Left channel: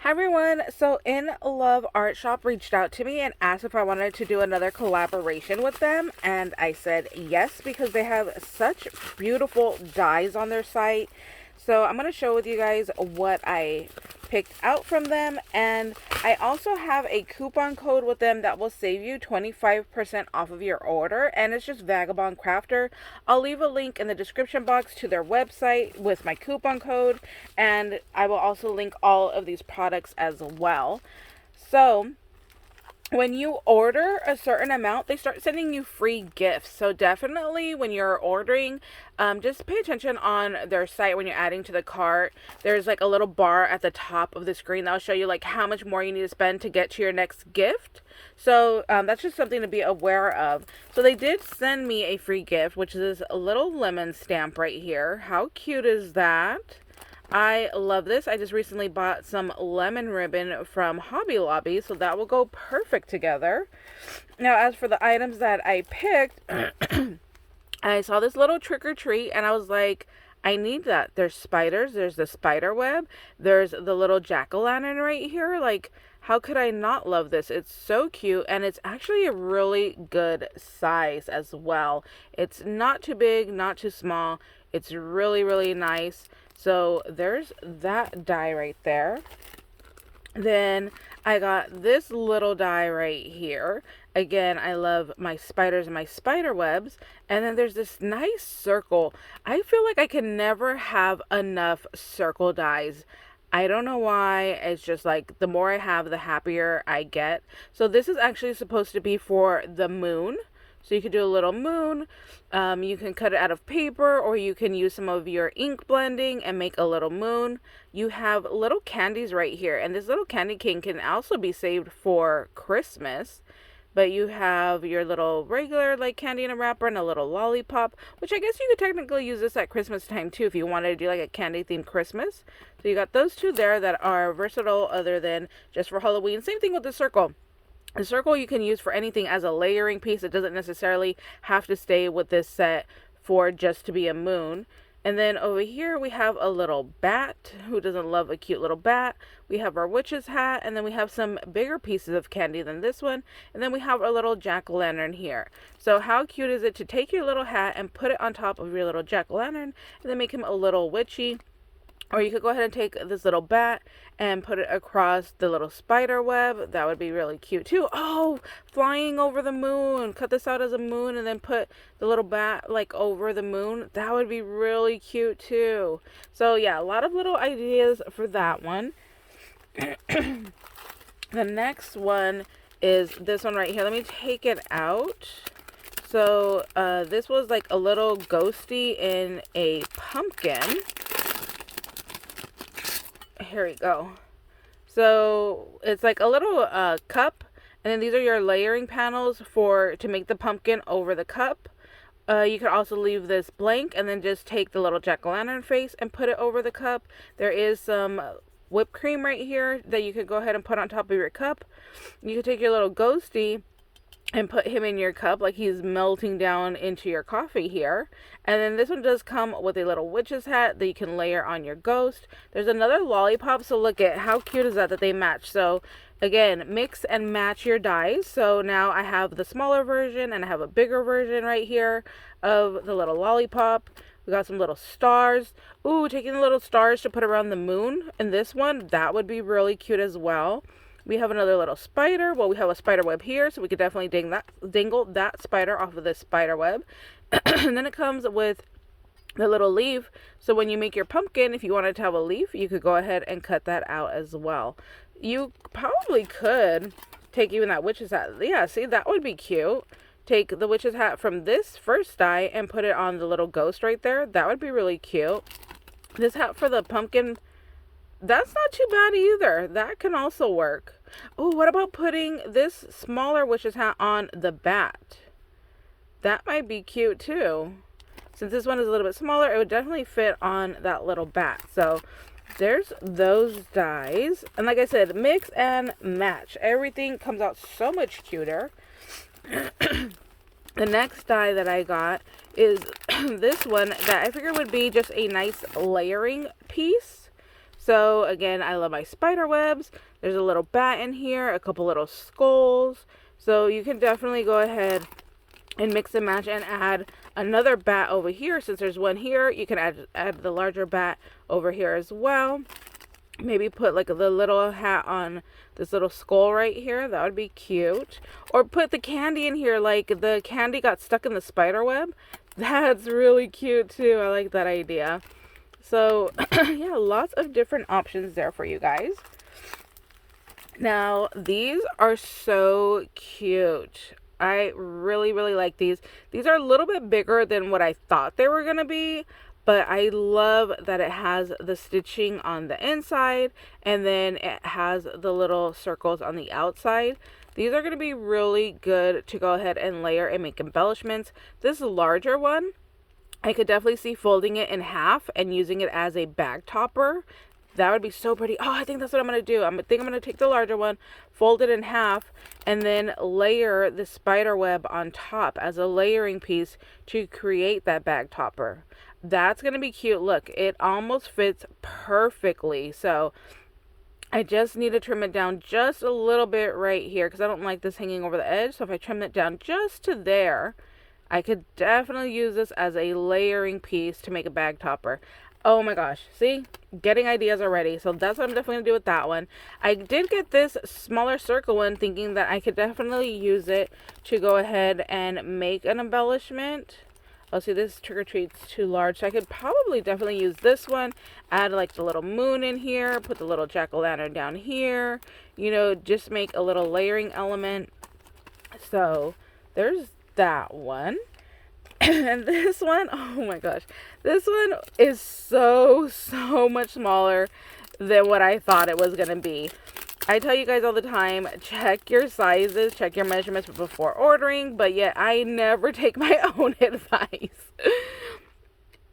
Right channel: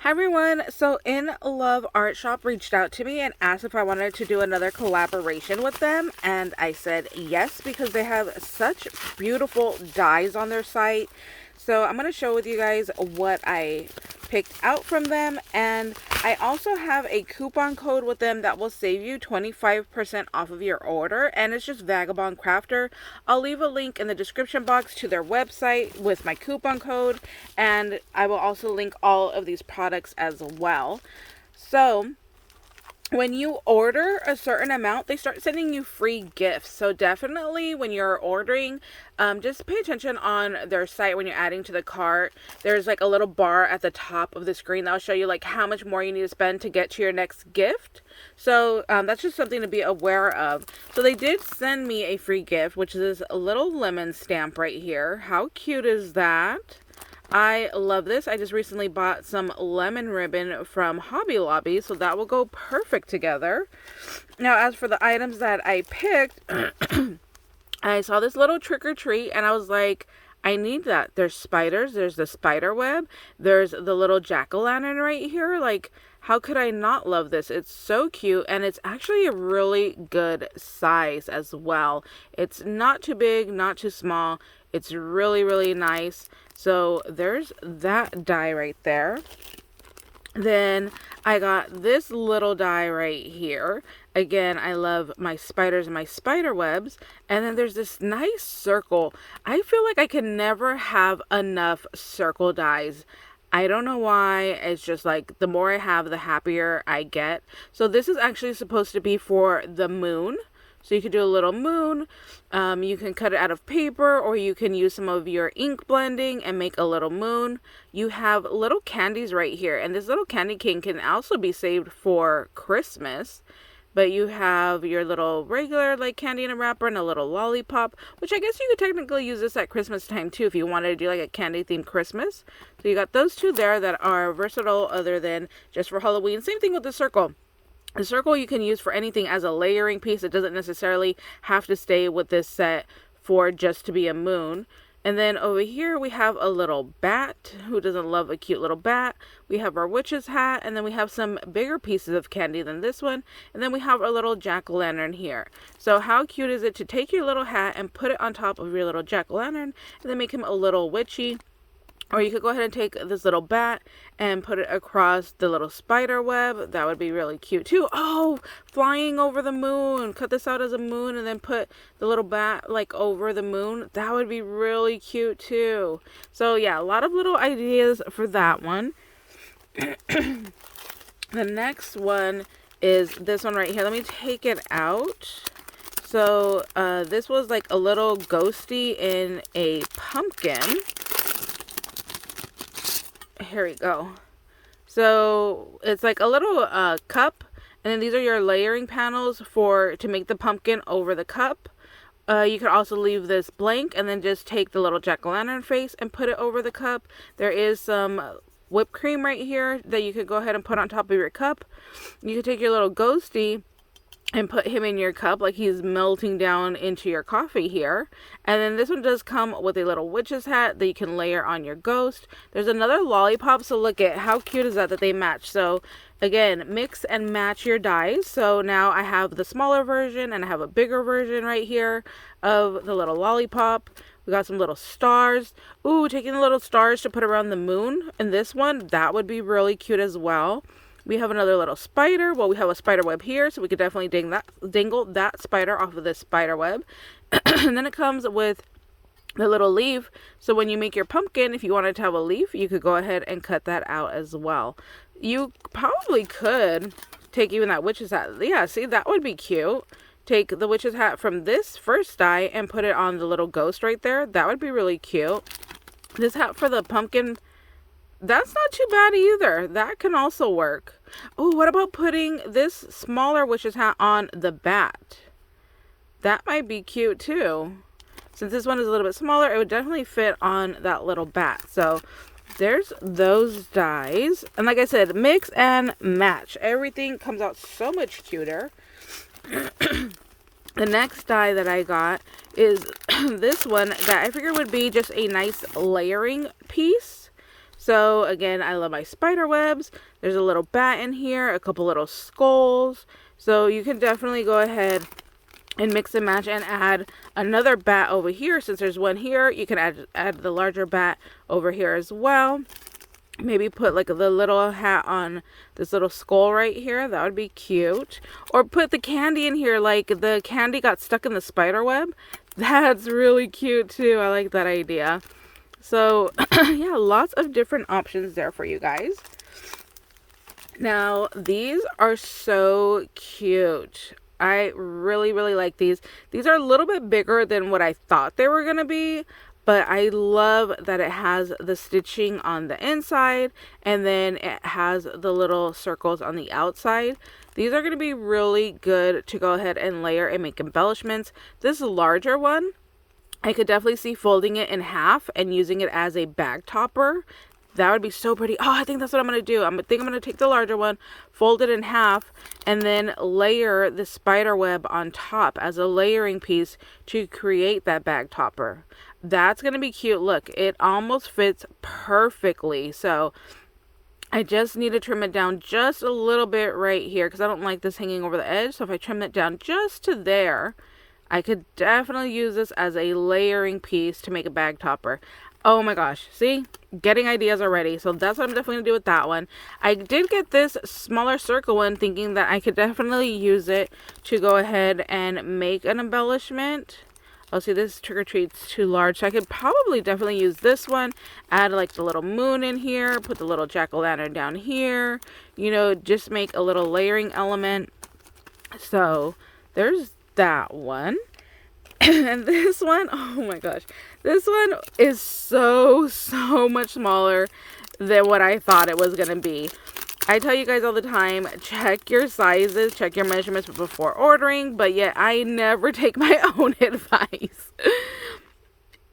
Hi everyone. So InLoveArtShop reached out to me and asked if I wanted to do another collaboration with them, and I said yes because they have such beautiful dies on their site. So I'm going to show with you guys what I picked out from them, and I also have a coupon code with them that will save you 25% off of your order, and it's just Vagabond Crafter. I'll leave a link in the description box to their website with my coupon code, and I will also link all of these products as well. So when you order a certain amount, they start sending you free gifts. So definitely when you're ordering, just pay attention on their site when you're adding to the cart. There's like a little bar at the top of the screen that'll show you like how much more you need to spend to get to your next gift. So that's just something to be aware of. So they did send me a free gift, which is this little lemon stamp right here. How cute is that? I love this. I just recently bought some lemon ribbon from Hobby Lobby, so that will go perfect together. Now, as for the items that I picked, I saw this little trick or treat, and I was like, I need that. There's spiders, there's the spider web, there's the little jack-o'-lantern right here. Like, how could I not love this? It's so cute, and it's actually a really good size as well. It's not too big, not too small. It's really, really nice. So there's that die right there. Then I got this little die right here. Again, I love my spiders and my spider webs. And then there's this nice circle. I feel like I can never have enough circle dies. I don't know why. It's just like the more I have, the happier I get. So this is actually supposed to be for the moon. So you could do a little moon. You can cut it out of paper, or you can use some of your ink blending and make a little moon. You have little candies right here, and this little candy cane can also be saved for Christmas. But you have your little regular like candy in a wrapper and a little lollipop, which I guess you could technically use this at Christmas time too if you wanted to do like a candy themed Christmas. So you got those two there that are versatile other than just for Halloween. Same thing with the circle. The circle you can use for anything as a layering piece. It doesn't necessarily have to stay with this set for just to be a moon. And then over here we have a little bat. Who doesn't love a cute little bat? We have our witch's hat, and then we have some bigger pieces of candy than this one. And then we have a little jack-o'-lantern here. So how cute is it to take your little hat and put it on top of your little jack-o'-lantern and then make him a little witchy? Or you could go ahead and take this little bat and put it across the little spider web. That would be really cute too. Oh, flying over the moon. Cut this out as a moon and then put the little bat like over the moon. That would be really cute too. So yeah, a lot of little ideas for that one. The next one is this one right here. Let me take it out. So this was like a little ghosty in a pumpkin. Here we go. So it's like a little cup, and then these are your layering panels to make the pumpkin over the cup. You could also leave this blank and then just take the little jack-o'-lantern face and put it over the cup. There is some whipped cream right here that you could go ahead and put on top of your cup. You could take your little ghosty and put him in your cup like he's melting down into your coffee here. And then this one does come with a little witch's hat that you can layer on your ghost. There's another lollipop, so look at how cute is that they match. So again, mix and match your dies. So now I have the smaller version and I have a bigger version right here of the little lollipop. We got some little stars. Ooh, taking the little stars to put around the moon. And this one, that would be really cute as well. We have another little spider. Well, we have a spider web here, so we could definitely dangle that spider off of this spider web. And then it comes with the little leaf. So when you make your pumpkin, if you wanted to have a leaf, you could go ahead and cut that out as well. You probably could take even that witch's hat. Yeah, see, that would be cute. Take the witch's hat from this first die and put it on the little ghost right there. That would be really cute. This hat for the pumpkin, that's not too bad either. That can also work. Oh, what about putting this smaller witch's hat on the bat? That might be cute too. Since this one is a little bit smaller, it would definitely fit on that little bat. So there's those dies. And like I said, mix and match. Everything comes out so much cuter. The next die that I got is this one that I figured would be just a nice layering piece. So again, I love my spider webs. There's a little bat in here, a couple little skulls. So you can definitely go ahead and mix and match and add another bat over here. Since there's one here, you can add the larger bat over here as well. Maybe put like the little hat on this little skull right here. That would be cute. Or put the candy in here, like the candy got stuck in the spider web. That's really cute too. I like that idea. So yeah, lots of different options there for you guys. Now, these are so cute. I really, really like these. These are a little bit bigger than what I thought they were going to be, but I love that it has the stitching on the inside and then it has the little circles on the outside. These are going to be really good to go ahead and layer and make embellishments. This larger one, I could definitely see folding it in half and using it as a bag topper. That would be so pretty. Oh, I think that's what I'm going to do. I think I'm going to take the larger one, fold it in half, and then layer the spider web on top as a layering piece to create that bag topper. That's going to be cute. Look, it almost fits perfectly. So I just need to trim it down just a little bit right here because I don't like this hanging over the edge. So if I trim it down just to there, I could definitely use this as a layering piece to make a bag topper. Oh my gosh, see? Getting ideas already. So that's what I'm definitely going to do with that one. I did get this smaller circle one thinking that I could definitely use it to go ahead and make an embellishment. Oh, see, this trick or treat's too large. So I could probably definitely use this one. Add like the little moon in here. Put the little jack-o'-lantern down here. You know, just make a little layering element. So there's that one. And this one, oh my gosh, this one is so much smaller than what I thought it was going to be. I tell you guys all the time, check your sizes, check your measurements before ordering, but yet I never take my own advice.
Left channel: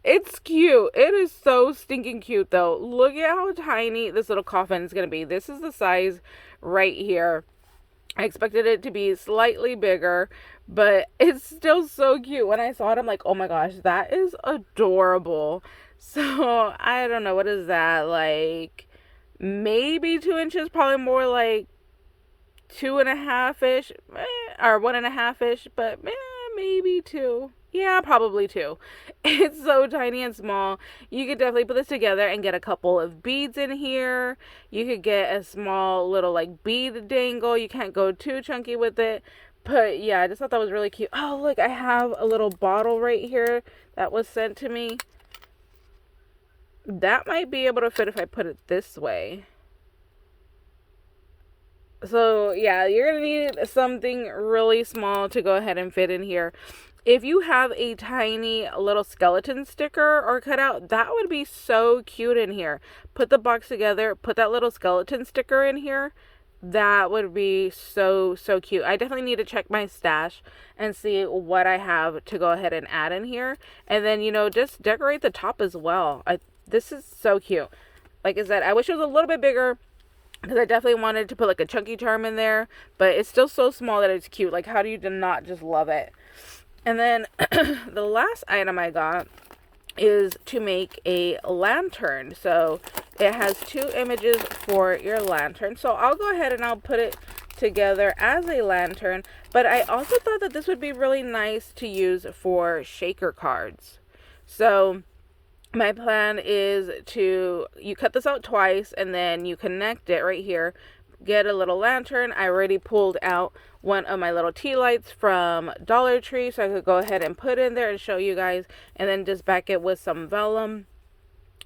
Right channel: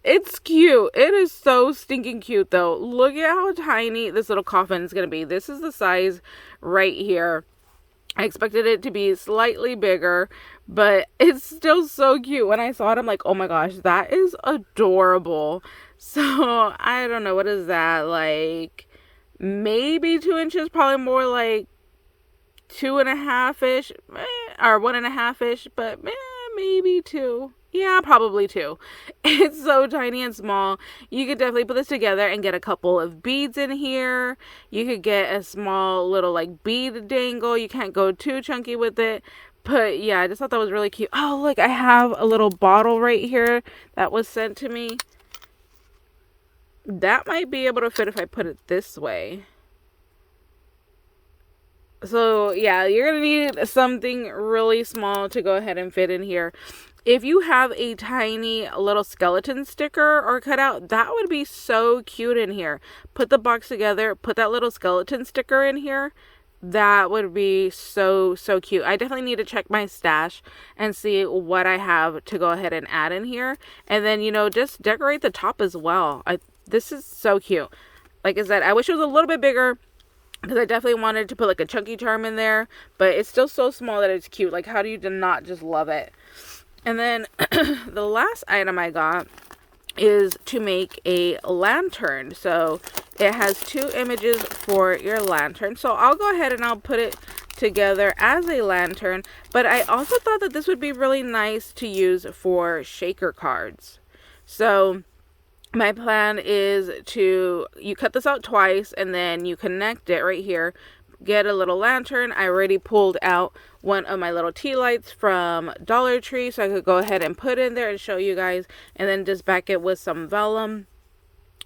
It's cute. It is so stinking cute though. Look at how tiny this little coffin is going to be. This is the size right here. I expected it to be slightly bigger, but it's still so cute. When I saw it, I'm like, oh my gosh, that is adorable. So, I don't know. What is that? Like, maybe 2 inches, probably more like 2.5-ish, or 1.5-ish, but maybe 2. Yeah, probably 2. It's so tiny and small. You could definitely put this together and get a couple of beads in here. You could get a small little like bead dangle. You can't go too chunky with it. But yeah, I just thought that was really cute. Oh, look, I have a little bottle right here that was sent to me. That might be able to fit if I put it this way. So yeah, you're going to need something really small to go ahead and fit in here. If you have a tiny little skeleton sticker or cutout, that would be so cute in here. Put the box together, put that little skeleton sticker in here. That would be so cute. I definitely need to check my stash and see what I have to go ahead and add in here. And then, you know, just decorate the top as well. This is so cute. Like I said, I wish it was a little bit bigger because I definitely wanted to put like a chunky charm in there. But it's still so small that it's cute. Like, how do you not just love it? And then the last item I got is to make a lantern. So it has 2 images for your lantern. So I'll go ahead and I'll put it together as a lantern. But I also thought that this would be really nice to use for shaker cards. So my plan is you cut this out twice and then you connect it right here. Get a little lantern. I already pulled out one of my little tea lights from Dollar Tree, so I could go ahead and put in there and show you guys, and then just back it with some vellum.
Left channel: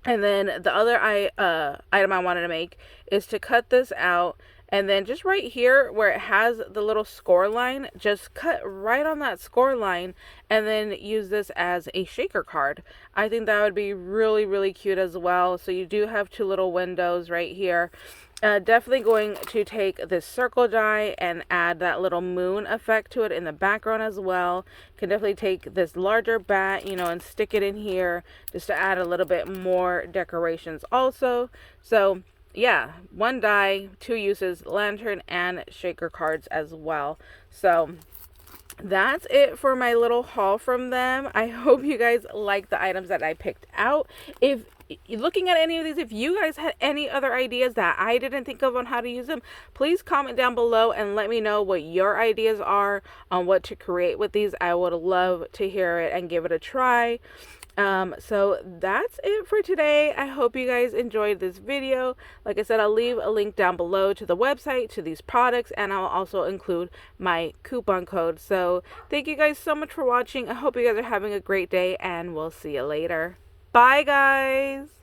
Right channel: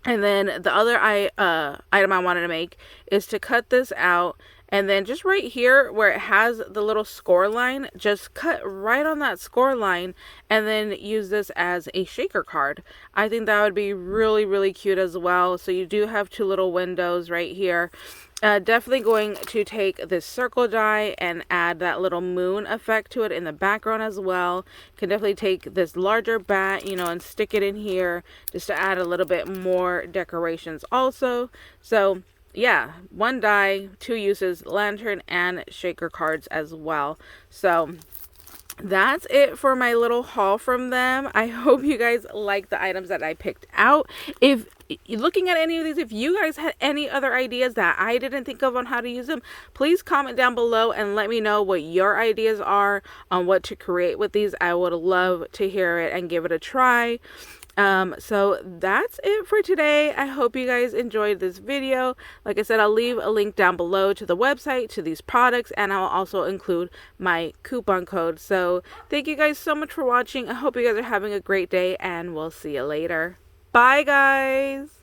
And then the other item I wanted to make is to cut this out, and then just right here where it has the little score line, just cut right on that score line and then use this as a shaker card. I think that would be really cute as well. So you do have 2 little windows right here. Definitely going to take this circle die and add that little moon effect to it in the background as well. Can definitely take this larger bat, you know, and stick it in here just to add a little bit more decorations also. So yeah, 1 die, 2 uses, lantern and shaker cards as well. So that's it for my little haul from them. I hope you guys like the items that I picked out. If looking at any of these, if you guys had any other ideas that I didn't think of on how to use them, please comment down below and let me know what your ideas are on what to create with these. I would love to hear it and give it a try. So that's it for today. I hope you guys enjoyed this video. Like I said, I'll leave a link down below to the website, to these products, and I'll also include my coupon code. So thank you guys so much for watching. I hope you guys are having a great day, and we'll see you later. Bye, guys.